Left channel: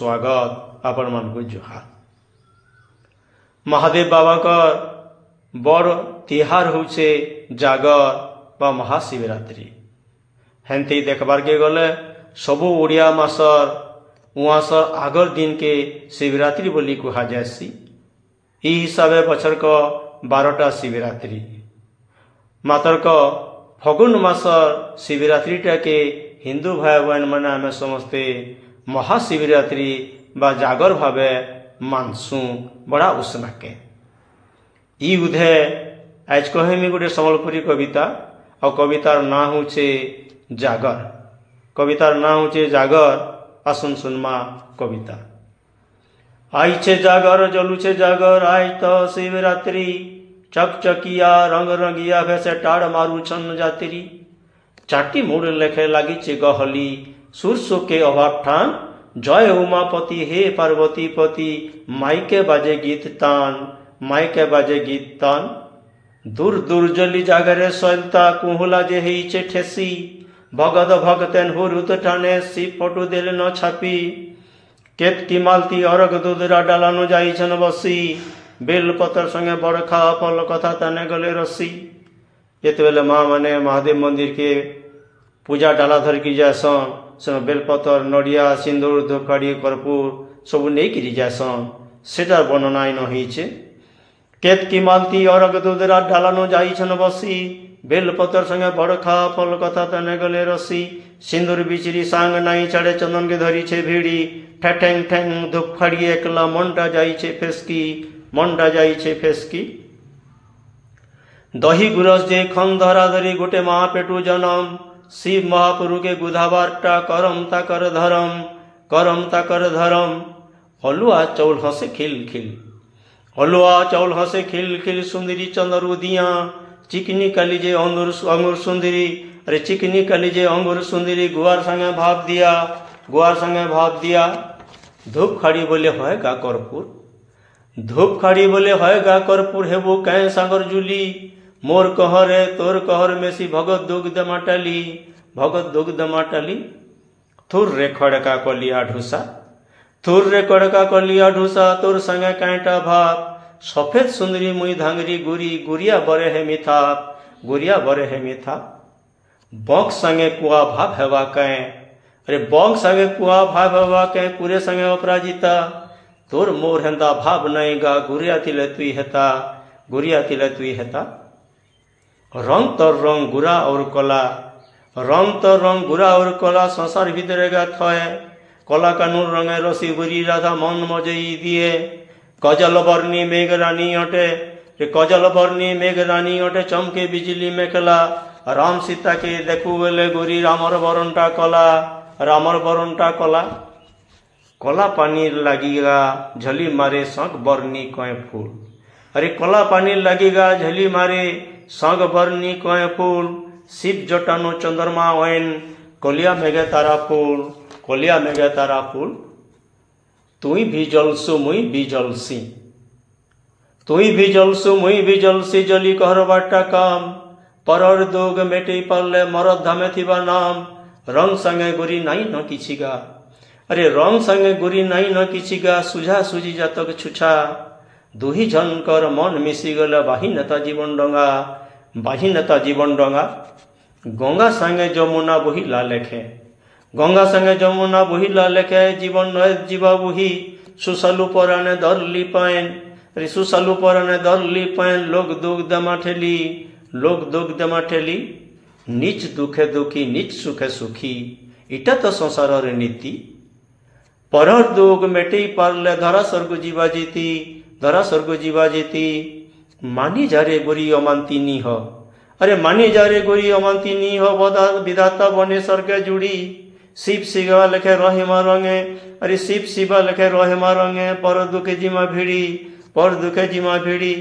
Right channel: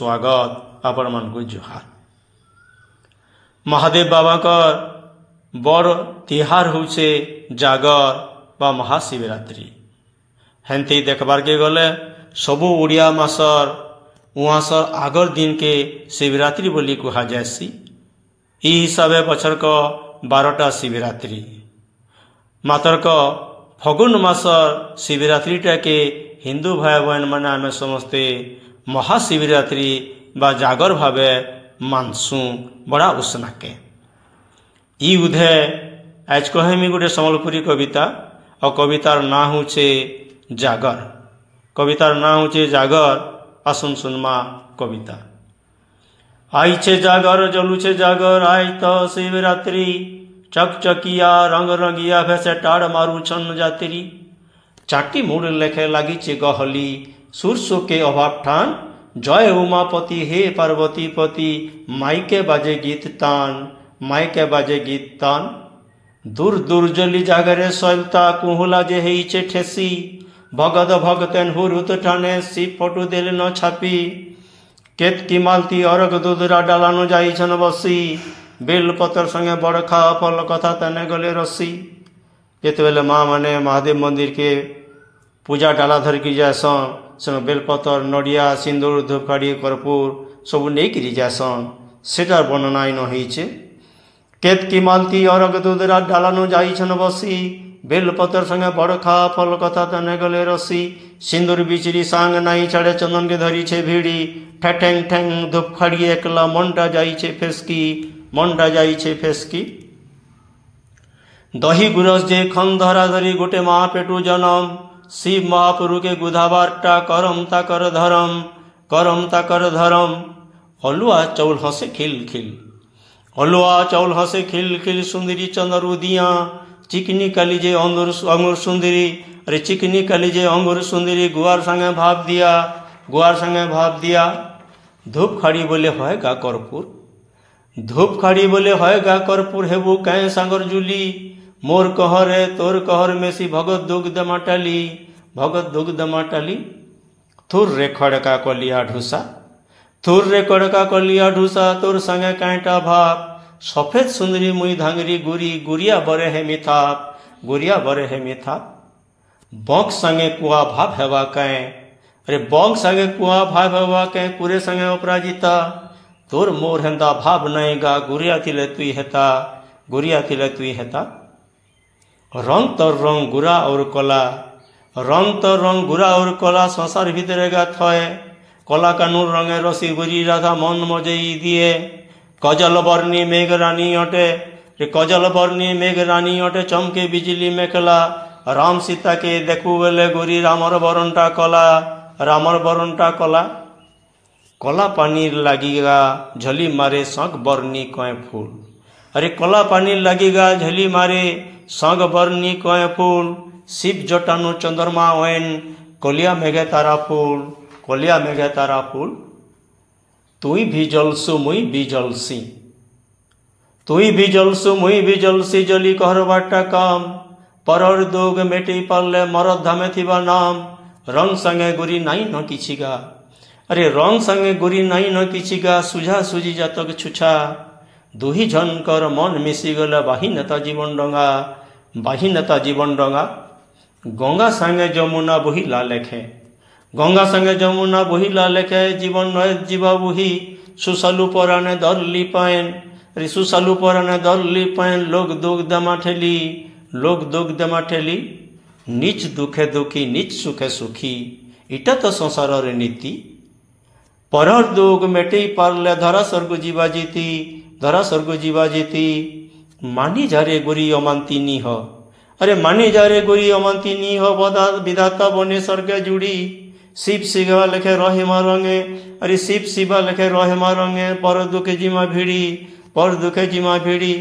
स्वागत आपण मानकु जुहार। महादेव बाबा बड़ तिहार होचे जागर बा महाशिवरात्रि। हेंती देखबार के गले सबु ओडिया मासर उहासर आगर दिन के शिवरात्रि बोली कहा जासी। ई हिसाबे बछर को 12टा शिवरात्रि मातर को फगुन मासर शिवरात्रिटा के हिंदू भाई बहन मैंने आम समस्ते महाशिवरात्रि बा जागर भावे मानसु बड़ा उसनाके। ई उधे आज कहमी गोटे सम्बलपुरी कविता और कवितार ना होचे जागर। कवितार ना होचे जागर। आसन सुनमा कविता। आईचे जागर जलुचे जागर आई तो शिवरात्रि चकचकिया रंग रंगिया भैसे टाड़ मारू छन जात्री। चाटी मुड़ लेखे लागिचे गहली सुरसो के अभाव ठान जय उमापति हे पार्वती पति माइके बाजे गीत तान माइके बाजे गीत तान। दूर दूर जली जागरे सैलता कुहुला जे हेइचे ठेसी भगत भगतेन हुरुत ठाने सी फोटो देले न छापी केत की मालती अरग दूधरा डालानो जाइछन बसी बेल पतर संगे बड़खा फल कथा तने गले रसी। जेते बेले माँ माने महादेव मंदिर के पूजा डाला धर की जासन संग बेलपतर नड़िया सिंदूर धूपकाड़ी कर्पूर सब नहीं जासन सेटार वर्णना इन होइछे। केत की मालती अरग दूधरा डालानो जाइछन बसी बेलपतर संगे बड़खा फल कथा तने गले रसी सिंदूर बिचरी सांग नाई छाड़े चंदन के धरी छे भिड़ी ठेठेंग ठेंग धूपखाड़ी एकला मनटा जाइछे फेसकी मनटा जाइछे फेसकी। दही गुरस जे खन धरा धरी गोटे माँ पेटू जनम शिव महापुरु के गुधाबारटा करम ताकर धरम। अलुआ चौल हसे खिल खिल अलुआ चौल हसे खिल खिल सुंदरी चंदरू दिया चिकनी कालीजे अंगूर सुंदरी अरे चिकनी कालीजे अंगूर सुंदरी गुआर संगे भाव दिया धूप खाड़ी बोले होय गा कर्पूर धूप खाड़ी बोले होय गा कर्पूर हेबू कहे सागर जुली मोर कहरे तोर कहर मेसी भगत दुग्ध माटाली थुर रे खड़का कलिया ढूसा तोर संगे कांटा भाप सफेद सुंदरी मुई धांगरी गुरिया बरे हे मिथाप बंक संगे कुआ भाव हेवा कहे अरे बंक संगे कुआ भाव हेवा कहे कुरे संगे अपराजिता तोर मोर हेंदा भाव नएगा गुरिया थिले तुई हेता। रंग तो रंग गुरा और कला संसार भीतरेगा थये कला कानून रंगे रसी बुरी राधा मन मजई दिए कजल बर्णी मेघ रानी अटे चमके बिजली मेखला राम सीता के देखू बेले गोरी रामर बरनटा कला कला पानी लगेगा झली मारे शंख बर्णी कय फूल अरे कला पानी लगेगा झली मारे शंख बर्णी कय फूल शिव जटानु चंद्रमा ओन कलिया मेघे तारा फूल तुई भी जलसु मुई भी जलसी जली कहर बाटा काम परर दोग मेटे पाले मरद धामे थिबा नाम रंग संगे गोरी नाई न किछिगा अरे रंग संगे गोरी नाई न किछिगा सुझा सुझी जातक छुछा दुही झनकर मन मिसी गला बाही नेता जीवन डंगा गंगा संगे जमुना लेखे जीवन जीवा बुही सुसलु पराने दरली पायन लोग दुग्ध माठेली निज दुखे दुखी निज सुखे सुखी इटा तो संसार रे नीति परर दुग मेटे पारले धरा स्वर्ग जीवा जीती मानी जारे गोरी अमांती निह अरे मानी जारे गोरी अमांती निह विधाता बने स्वर्गे जुड़ी शिव शिवा लेखे रहिमा रंगे अरे शिव शिवा लेखे रहिमा रंगे पर दुखे जिमा भिड़ी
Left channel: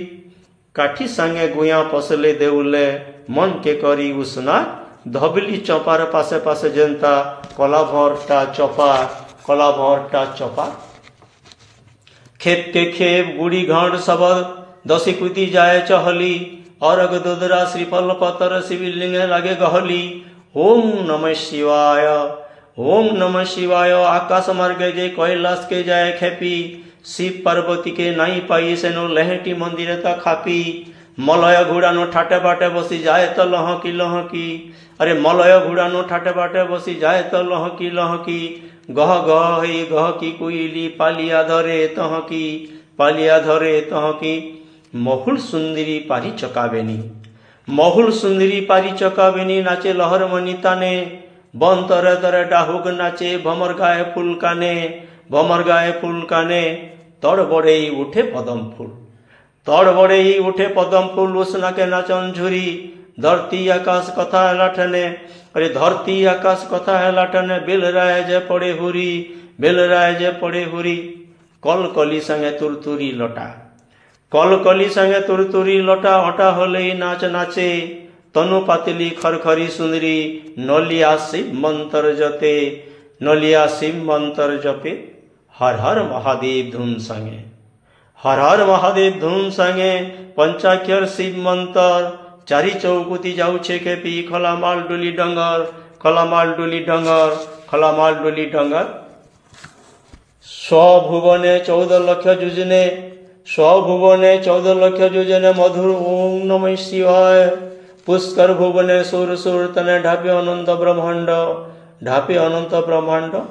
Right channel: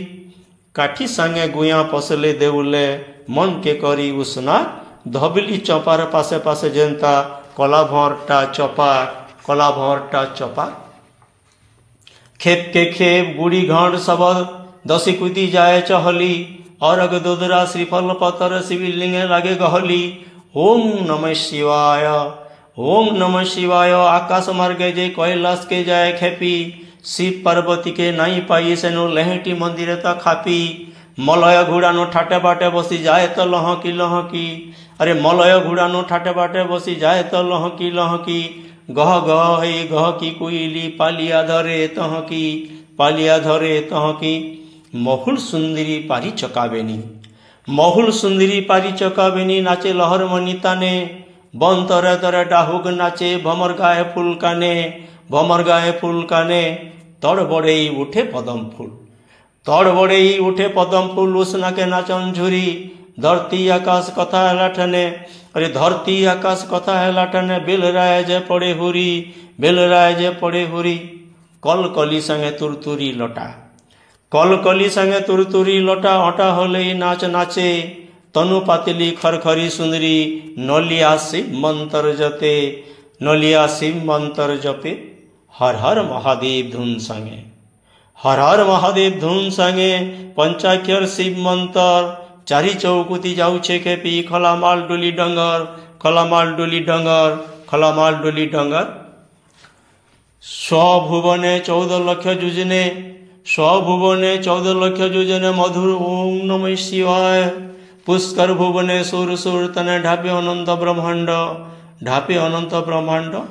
काठी संगे गुया पसले देउले मन के करी उसना धबली चपार पासे पासे जेंता कला भरटा चपा खेप के खेप गुड़ी घाट सबद दसी कुदी जाए चहली अरग दुदरा श्रीफल पतर शिवलिंगे लागे गहली ओम नमः शिवाय ओम नमः शिवाय। आकाश मार्गे जे कैलाश के जाए खेपी, शिव पार्वती के नाई पाई सेनु लहेटी मंदिर ता खापी। मलय घुड़ानो ठाटे बाटे बसी जाए तो लहकी लहकी, अरे मलय घुड़ानो ठाटे बाटे बसी जाए तो लहकी लहकी। गह गह हे गह की कोइली पालिया धरे तहकी, पालिया धरे तहकी। महुल सुंदरी पारी चकाबेनी, महुल सुंदरी पारी चकाबेनी। नाचे लहर मनी ताने, बन तरे तरे डाहुक नाचे। भमर गाए फूल काने, भमर गाए फूल काने। तड़ बड़े उठे पदम फूल, तड़ बड़े उठे पदम फूल। उसना के नाचन झुरी, धरती आकाश कथा है लाठने, अरे धरती आकाश कथा है लाठने। बेल राय जे पड़े हुरी, बेल राय जे पड़े हुरी। कल कली संगे तुरतुरी लटा, कल कली संगे तुरतुरी लटा। हटा होले नाच नाचे, तनु पातिली खरखरी सुंदरी। नलिया शिव मंत्र जपे, नलिया शिव मंत्र जपे। हर हर महादेव धुन संगे, हर हर महादेव धुन संगे। पंचाक्षर शिव मंत्र, चारी चौकुती जाऊे खेपी। खलामाल डोली डंगर, खलामाल डोली डंगर, खलामाल डोली डंगर। स्वभुवने 14 लक्ष जुजने, स्वभुवने 14 लक्ष जुजने। मधुर ओम नमः शिवाय। पुष्कर भुवने सुर सुर तने। ढापे अनंत ब्रह्मांड, ढापे अनंत ब्रह्मांड।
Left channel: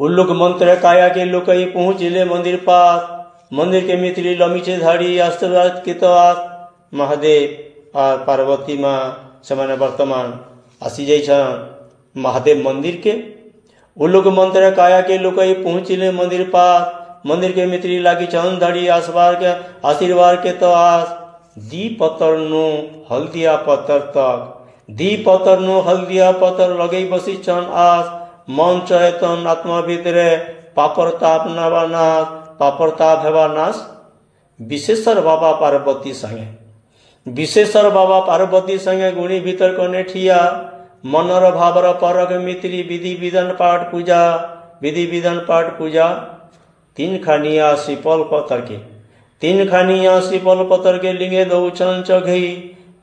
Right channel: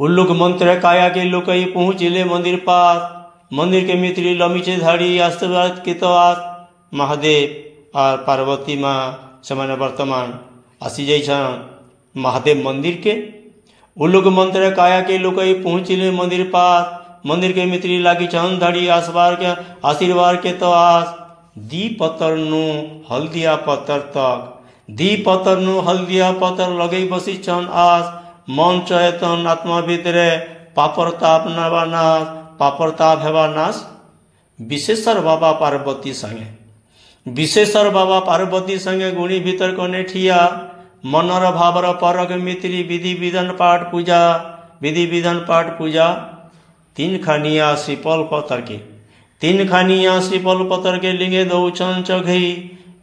उल्लुक मंत्र काया के लुकई पहुंचिले मंदिर पास। मंदिर के मित्री लमीचे धाड़ी आशीर्वाद कितवास। महादेव और पार्वती माँ से वर्तमान आसी जाइछन महादेव मंदिर के। उल्लुक मंत्र काया के लुकई पहुंचिले मंदिर पास। मंदिर के मित्री लागी छन धाड़ी आशीर्वाद के तो आस। दी पतर नु हल्दिया पतर तक, दी पतर नु हल्दिया पतर लगे बसी छन आस। मन चेतन आत्मा भितरे पापर ताप नवा नाश, पापर ताप हेवा नाश। विशेषर बाबा पार्वती संगे, विशेषर बाबा पार्वती संगे। गुणी भीतर कने ठिया, मनर भावर परक मित्री। विधि विधान पाठ पूजा, विधि विधान पाठ पूजा। 3 खानिया श्रीपल पतर के, 3 खानिया श्रीपल पतर के। लिंगे दौचन चघई,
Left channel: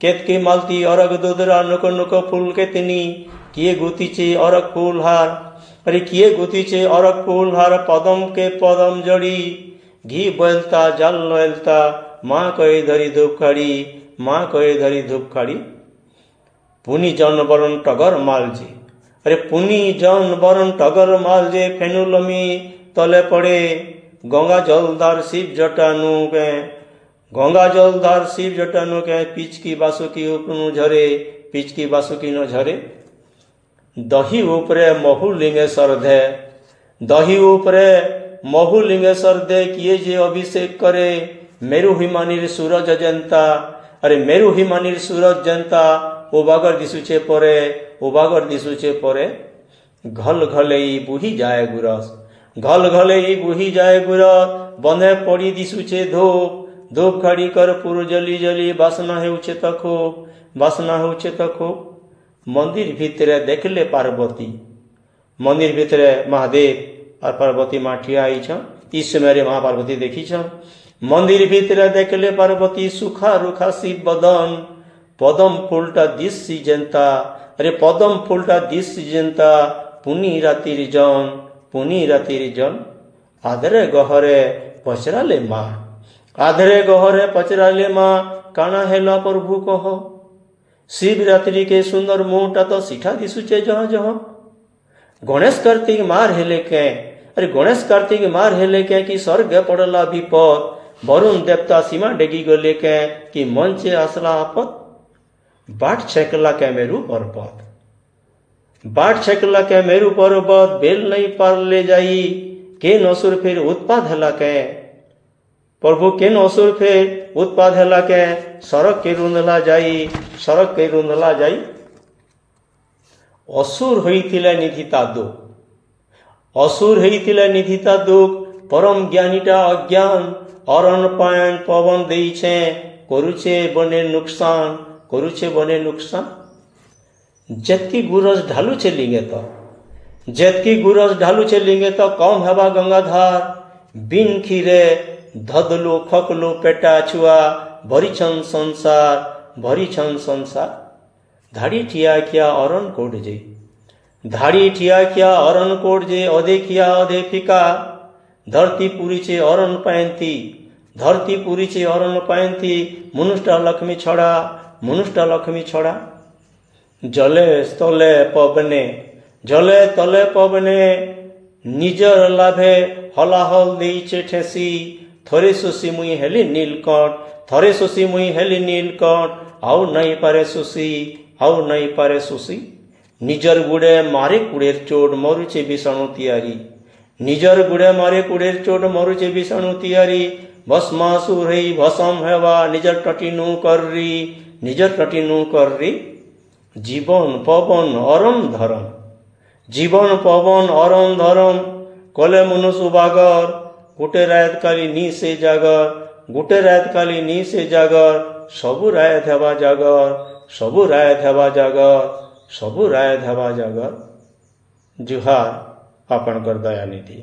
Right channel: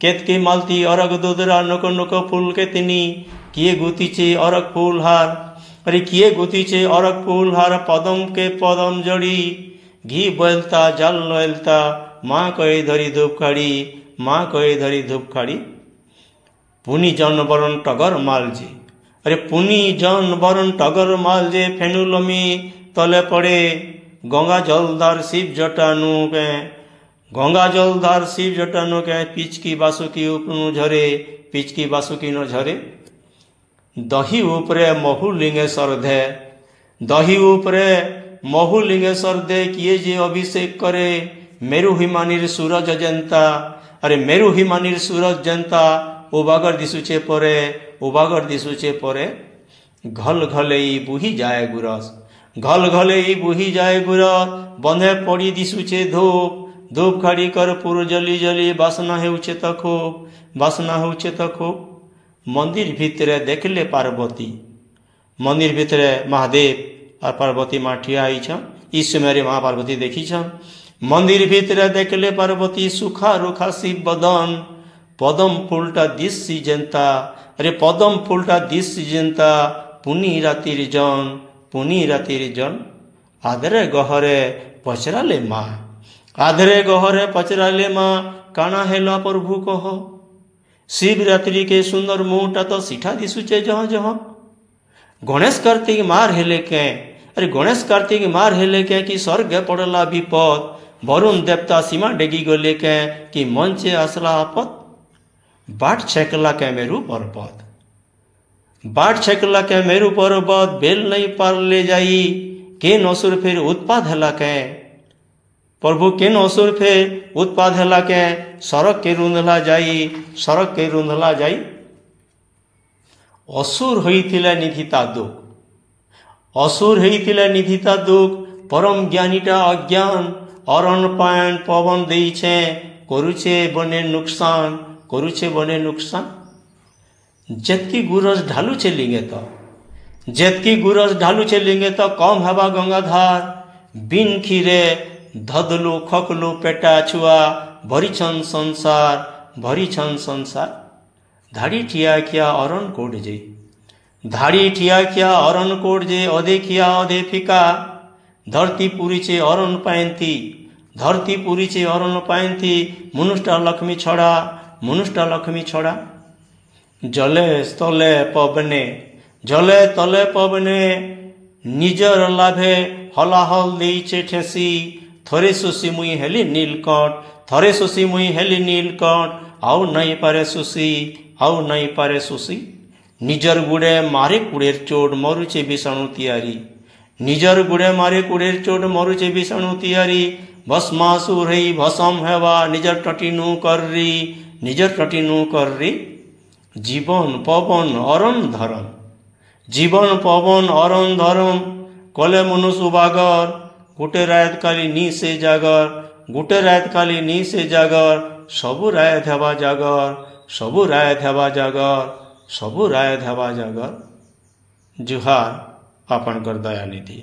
केतकी मालती अरग दुदरा। नुक नुक फूल के तिनी, किए गुतीचे अरग फूल हार, अरे किए गुतीचे अरग फूल हार। पदम के पदम जड़ी, घी बोलता जल नलता। माँ कहे धरी धूप खाड़ी, माँ कहे धरी धूप खाड़ी। पुनी जन बरन टगर मालजे, अरे पुनी जन बरन टगर मालजे। फेनुलमी तले पड़े, गंगा जलदार शिव जटानु के, गंगा जलदार शिव जटानु के। पिचकी बासुकी उपनु झरे, पिचकी बासुकी न झरे। दही उपरे महु लिंगेश्वर दे, दही उपरे महु लिंगेश्वर दे। किए जे अभिषेक करे, मेरु हिमानीर सूरज जेंता, अरे मेरु हिमानीर सूरज जेंता। उबागर दिसुचे परे, उबागर दिसुचे परे। घल घलेई बुही जाए गुरस, घल घलेई बुही जाए गुरस। बंधे पड़ी दिसुचे धूप, धूप खाड़ी कर पुर जली जली। बासना हेउचे त खूब, बासना हेउचे त खूब। मंदिर भितरे देखले पार्वती, मंदिर भितरे महादेव और पार्वती माँ ठिया आई छन। इस समय महापार्वती देखी छन। मंदिर भितरे देखले पार्वती, सुखा रुखा शिव बदन। पदम फूलटा दिशी जेंता, अरे पदम फूलटा दिशी जेंता। पुनी रातिर जन, पुनी रातिर जन। आधरे गहरे पचराले माँ, आधरे गहरे पचराले माँ। काना हेला प्रभु कह, शिवरात्रि के सुंदर मुहटा तो सिठा दिशुचे जहाँ जहाँ। गणेश कार्तिक मार हेले के, अरे गणेश कार्तिक मार हेले के। कि स्वर्ग पड़ला विपद, वरुण देवता सीमा डेगी गले के। कि मंचे आसला आपत, बाट छेकला के मेरु पर्वत, बाट छेकला के मेरु पर्वत। बेल नहीं पार ले जाई, के नसुर फिर उत्पाद हेला के। प्रभु केन असुर फेर उत्पाद हेला के। सड़क के रुंधला जाई, सड़क के रुंधला जाई। असुर होइथिला निधिता दुख, असुर होइथिला निधिता दुख। परम ज्ञानीटा अज्ञान, अरण पायन पवन देइछे। करुछे बने नुकसान, करुछे बने नुकसान। जेतकी गुरस ढालुछे लिंगे तो, जेतकी गुरस ढालुछे लिंगे तो। कम हवा गंगाधार, बिन खीरे धदलो खकलो पेटा छुआ। भरी छन संसार, भरी छन संसार। ଧାଡ଼ି ଠିଆ ଖିଆ ଅରଣ କୋଡ଼ ଯେ ଧାଡ଼ି ଠିଆ ଖିଆ ଅରଣ କୋଡ଼ ଯେ ଅଧେ ଖିଆ ଅଧେ ଫିକା ଧରती ପୁରିଛେ ଅରଣ ପାଏନ୍ତି ଧରती ପୁରିଛେ ଅରଣ ପାଏନ୍ତି ମନୁଷ୍ଟା ଲକ୍ଷ୍ମୀ ଛଡ଼ା ମନୁଷ୍ଟା ଲକ୍ଷ୍ମୀ ଛଡ଼ା ଜଲେ ତଲେ ପବନେ ଜଲେ ତଲେ ପବନେ ନିଜର ଲାଭେ ହଲାହଲ ଦେଇଛେ ଠେସି ଥରେ ଶୋଷି ମୁଇଁ ହେଲି ନୀଲକଣ୍ଠ ଥରେ ଶୋଷି ମୁଇଁ ହେଲି ନୀଲକଣ୍ଠ ଆଉ ନାଇଁ ପାରେ ଶୋଷି ଆଉ ନାଇଁ ପାରେ ଶୋଷି ନିଜର ଗୁଡ଼େ ମାରେ କୁଡ଼େର ଚୋଟ ମରୁଛେ ବିଷାଣୁ ତିଆରି ନିଜର ଗୁଡ଼େ ମାରେ କୁଡ଼େର ଚୋଟ ମରୁଛେ ବିଷାଣୁ ତିଆରି ଭସ୍ମାସୁର ହେଇ ଭସମ ହେବା ନିଜର ଟଟିନୁ କରରି ନିଜର ଟଟିନୁ କରରି জীবন পবন অরণ ধরম জীবন পবন অরণ ধরম কলে মনুষ্য বাগর গোটে রাত কালি নি সে জাগর গোটে রাত কালি নি সে জাগর সবু রায় হেবা জাগর সবু রায় হেবা জাগর সবু রায় হেবা জাগর জুহার आपणकर दयानिधि।